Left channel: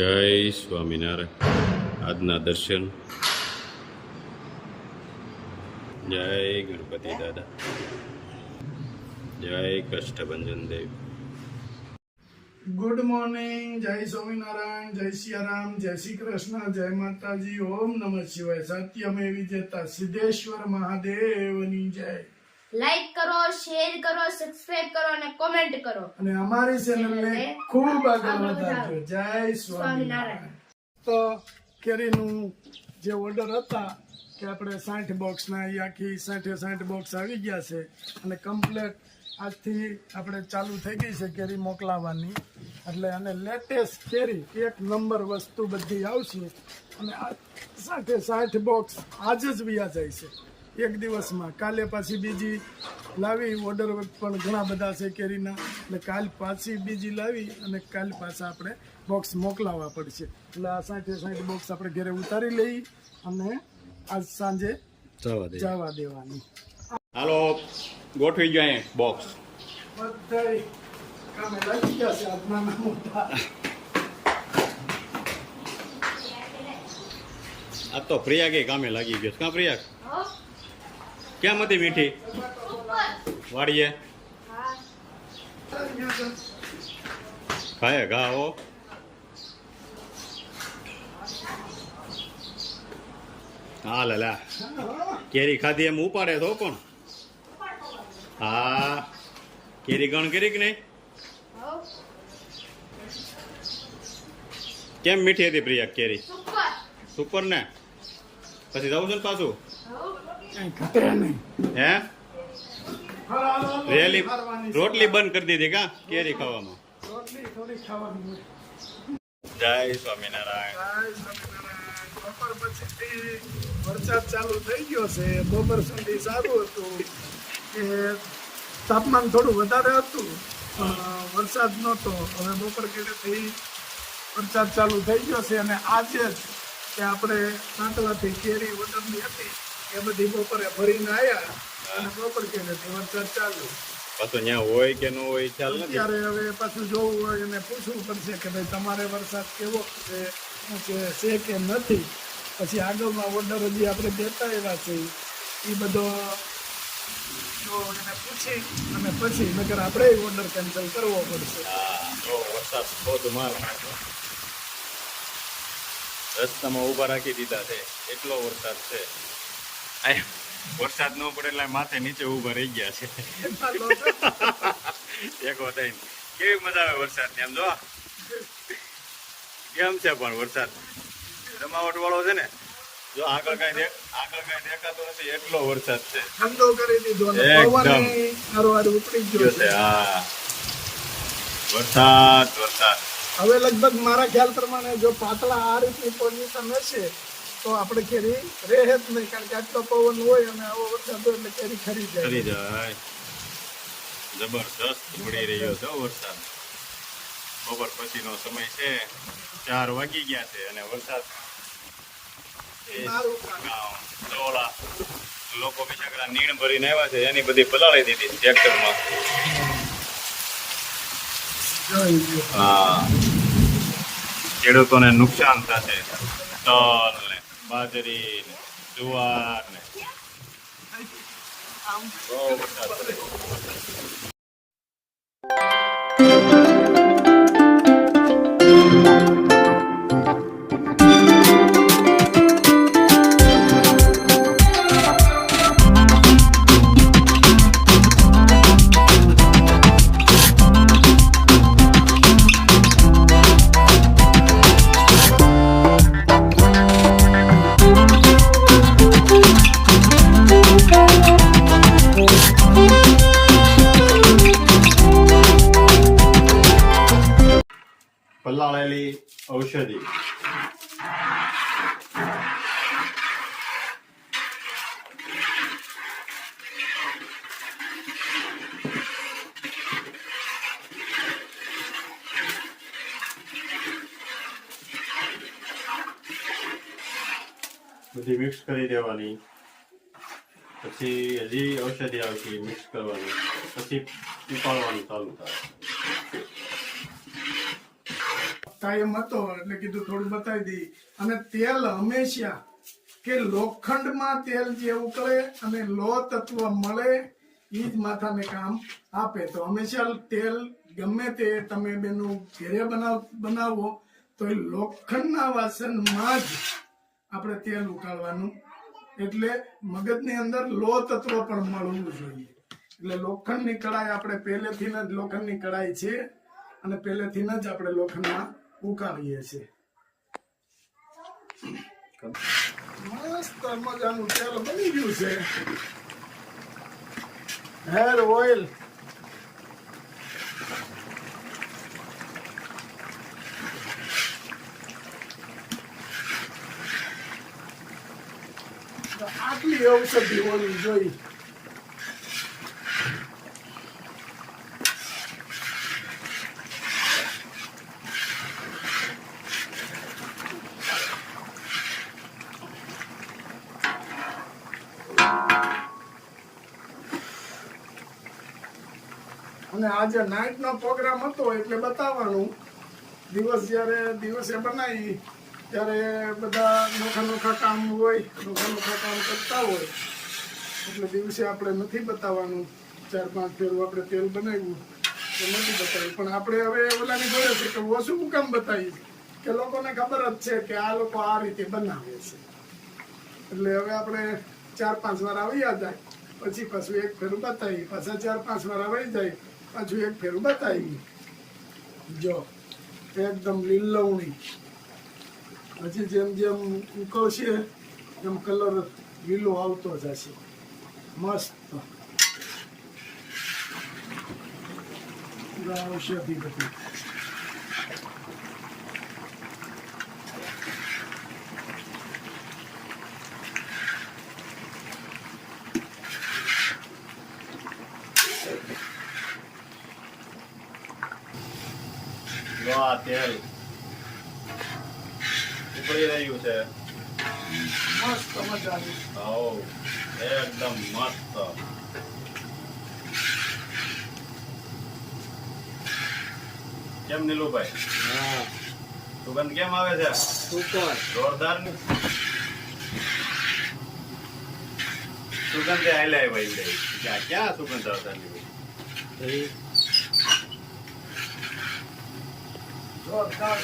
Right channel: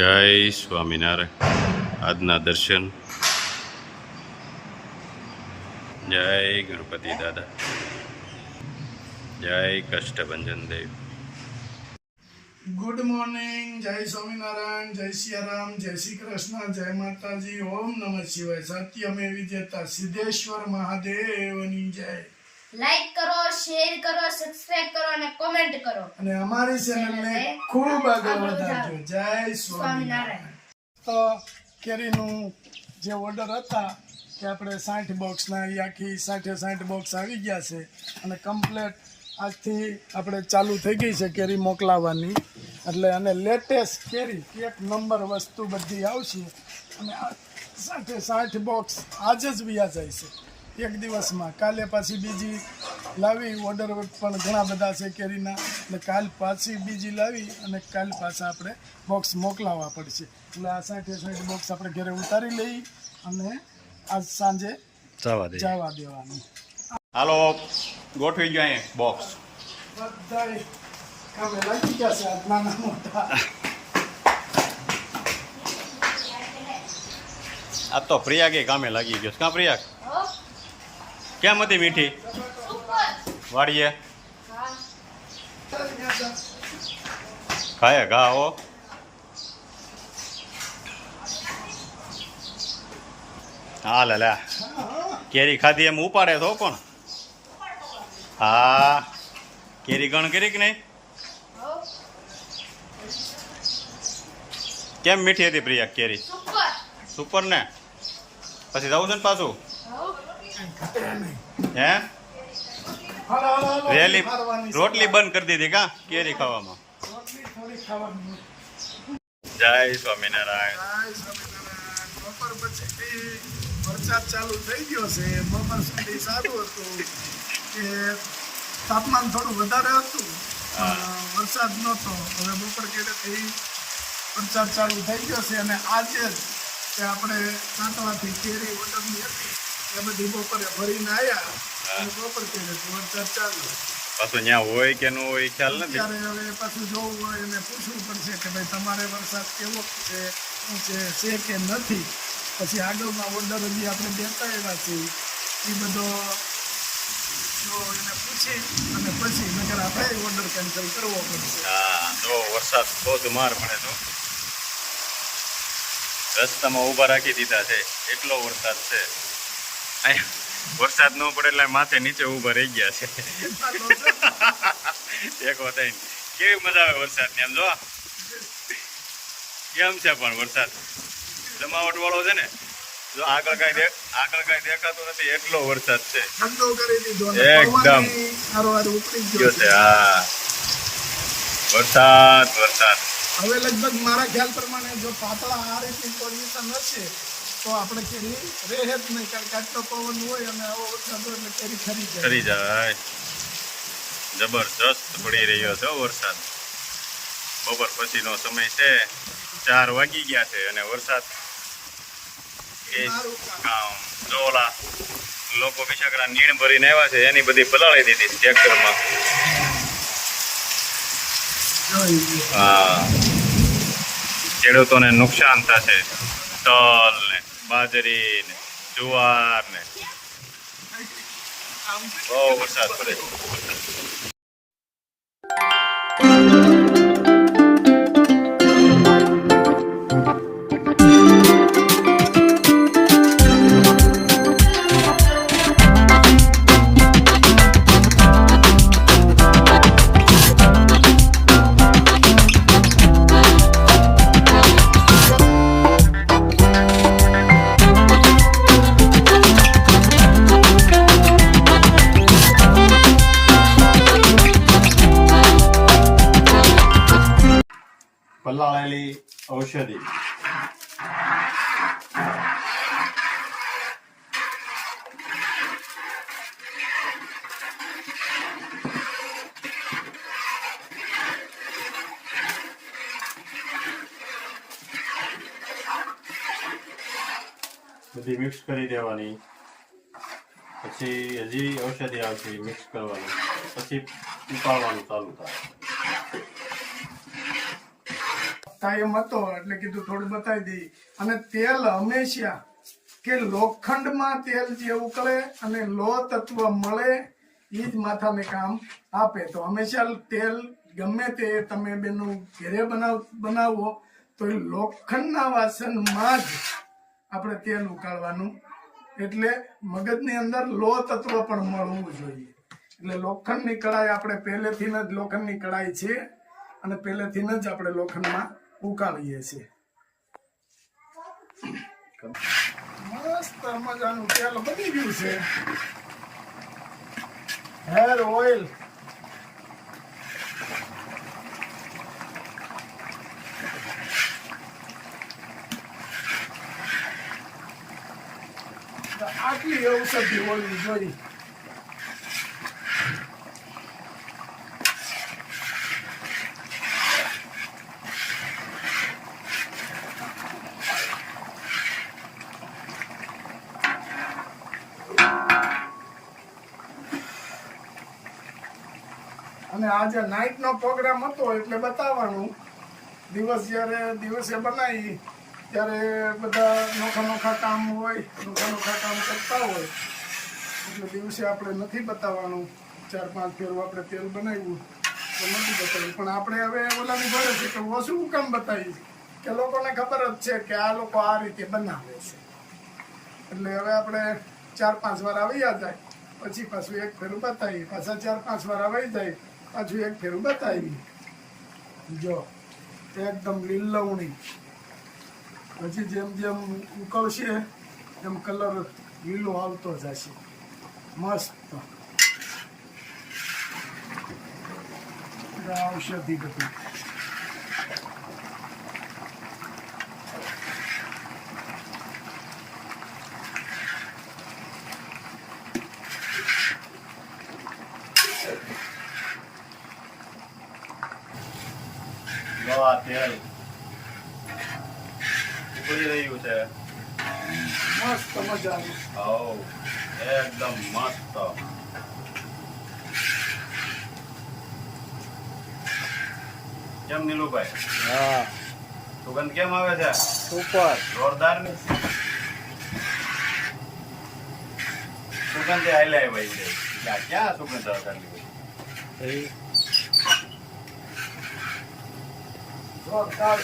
જય સ્વામિનારાયણ. આજના દર્શન. જય ગણપતિ દાદા. જય કષ્ટભંજન દેવ. Good morning. જય સ્વામિનારાયણ, જય સિયારામ, જય શ્રી કૃષ્ણ, જય માતાજી, ઓમ નમઃ શિવાય. સત્યમે વિજેતા સિદ્ધેશ્વર મહાદેવની જય. લાઈક કરો, શેર કરો, સબસ્ક્રાઇબ કરો અને કોમેન્ટ કરો અને અમારી ચેનલને ખૂબ આગળ વધારજો. જય સ્વામિનારાયણ. તો કેરીનું જે ઓર્ડર હતા કે આપણે 60 બોક્સના એ આખી 60 બોક્સ આવી ગયા છે અને કમ્પ્લેટ આજથી આપણે ચાલુ થઈ ગઈ છે કેરી મોકલાવવાની. એટલે અને લેટેસ્ટ કેરી એક નંબર વસ્તુ બધી આવશે અને આ 60 બોક્સ આજે જ વ્યા જાય છે એક દિવસમાં. કાલે પાછી બીજી લાવી, ઓર્ડર પણ ઘણા બધા છે કેરીના, એટલે કાલ પાછી બીજી લાવી અને કાલ પાછા આપણે બોક્સ મોકલાવવા પડશે. એટલે આ 60 બોક્સ આપણે ઘરે ઉતારી લઈ અને આજ સાંજે જવા દેવાની. હાલો, ગોઠવી ગયા બોક્સ. બધાય કામે લાગી ગયા છે આજ નાના મોટા. આ તો પ્રિયાગે કામે લાગી ગયો. ક્યાં પ્રિયાગ? કેમ હતી મીઠી? વાડીએ ખાય ઘા હો. હા લા કેરી ખાધી એમ ઉપાડે તો પણ. હા, કેરી ગણ કરી કે નહીં? કેમ મીઠી હતી પ્રિયા કેરી? સુપર ને. પછી જવું છે ને પાછું? હે રેલી રોટલી બંધ કરી દીધી કા કેરી ખાવામાં? જય સ્વામિનારાયણ. બપોર પછી વરસાદ ચાલુ થઈ ગયો છે. બપોર સુધી સારું હતું કે તાપમાન થોડું વધારે હતું, વરસાદ નહોતો. હવે બપોર કેટેથી વરસાદ ચાલુ થઈ ગયો છે અને આજે જ કે આપણે પાટલાથી કેરી ઓર્ડરની હતી એ બધી બપોરે ભરીને આવ્યા અને બપોર કેટેથી વરસાદ ચાલુ. પાછું ત્યાં હોય કે ન હોય ખ્યાલ નથી. ત્યારે હવે પાછું જોવું હોય અને પૂછવું પડશે કે ભાઈ તમારે વરસાદ કેવો છે, શું છે કે નથી. પછી આગળમાં ઓર્ડર હજી આપણે દેતા આવ્યા છે એ બધો એને પૂછી અને પછી નકર આપણે ઓર્ડર કેન્સલ કરવો પડશે. હા, જો વરસાદ ધોધમાર પડે તો રસ્તામાં ઊભા રાખી દીધા છે, એટલો વરસાદ છે. વરસાદ ન પડે એટલે માથે નીચે ઊભા રહી ગયા છે. ટેકો થઈને કેવી મજા આવે વરસાદની. આમ જો કેમ છે પણ વરસાદ જમાવટ વાળો છે ને. જો આગળ કઈ દેખાતો નથી એટલો વરસાદ છે. ઠંડો કરી દીધો એકદમ ઉપડી ગયો છે. હા, વરસાદ. હવે લગભગ મારા ખ્યાલ પ્રમાણે જો પાતળા આ રીતની પોઝિશન હશે તો આપણે કેરી રહે જ નહીં, કારણ કે આટલો પવન હોય અને આવો વરસાદ હોય એટલે કેરી ખરી જાય. જબરજસ્ત પડી રહ્યો છે વરસાદ. બપોર પછીનો સમય છે, 4 વાગી ગયા છે અને વરસાદ જોલા લોકો બિચારા નીણ ભરીને આવ્યા છે એની બધી પલાળી દીધી ટ્રેક્ટરમાં. હા, ખેડૂતોને નુકસાન થશે. તલ ને બાજરી ને જુવાર ને બહુ વરસાદ પડે. પલાળેલી ઔષધિ. બધી મિક્સ કરી દેવાની. પછી હજી ઔષધિ આવશે, મિક્સ કરવાની, પછી પીપાળવાનું ચાલુ થાય. થાય એમ હતો એટલે કીધું થોડું બતાવી દઈએ. અને તેલ હંમેશા કે લોખંડમાં તેલ જે ઉકળે અને લો તત્વ મળે એ જ માથાને કામ આપે. તો હંમેશા તેલ ગમે તે તમે બેનું ઘરે બનાવો તો એ લોખંડના વાસણમાં જ આપણે તેલ ઉકાળવાનું, એટલે મગજની અંદર લો તત્વ પણ મળવું જોઈએ. એટલે લોખંડની કડાઈ આપણે પહેલેથી જ લોખંડની કડાઈ છે અને પહેલેથી જ આપણે લોખંડમાં ઉકાળીએ છીએ. મસ્ત મજાનું તેલ બની ગયું છે. હેર ઓઇલ આટલી ઔષધિ હોવી જોઈએ. અને આજે નાઇટ નો પ્રોગ્રામ હતો એટલે બતાવવાનું. દિવસ જયારે દિવસે બનાવી ત્યારે બધા નોખા કામ હોય, નોખા કામ કરતા હોય એટલે દિવસે આપણે નથી બતાવવાનું. 4-5 ફેરું આપણે તેલ બનાવ્યું તો નથી બતાવ્યું. પણ આપણે હવે ઓલાની ઘરે છે કે ઓછું કામ બતાવીએ કે લોકોને ખબર જ છે કે આ લોકો આ રીતે બનાવે છે. એટલે હવે આપણે 4-5 વાર આવી જાય પછી પાછું એક ફેરું બતાવી, પાછા 4-5 વાર આવી જાય પાછું એક ફેરું બતાવી. જો એકદમ લીલવણી, હજી જેમ જેમ ઉકળશે એમ કલર લીલો આવતો જશે. મસ્ત ઔષધિ બધી. આ તેલ ઉકળી રહ્યું છે. મસ્ત મજાનું. હાઉ એકદમ મસ્ત. કેમ નીલુભાઈ? હા, સુગંધ કેમ આવે છે? સુપર. જોરદાર ને સુગંધ હાલ્યા હોય ક્યાં સુગંધ આવતા હોય. જોરદાર.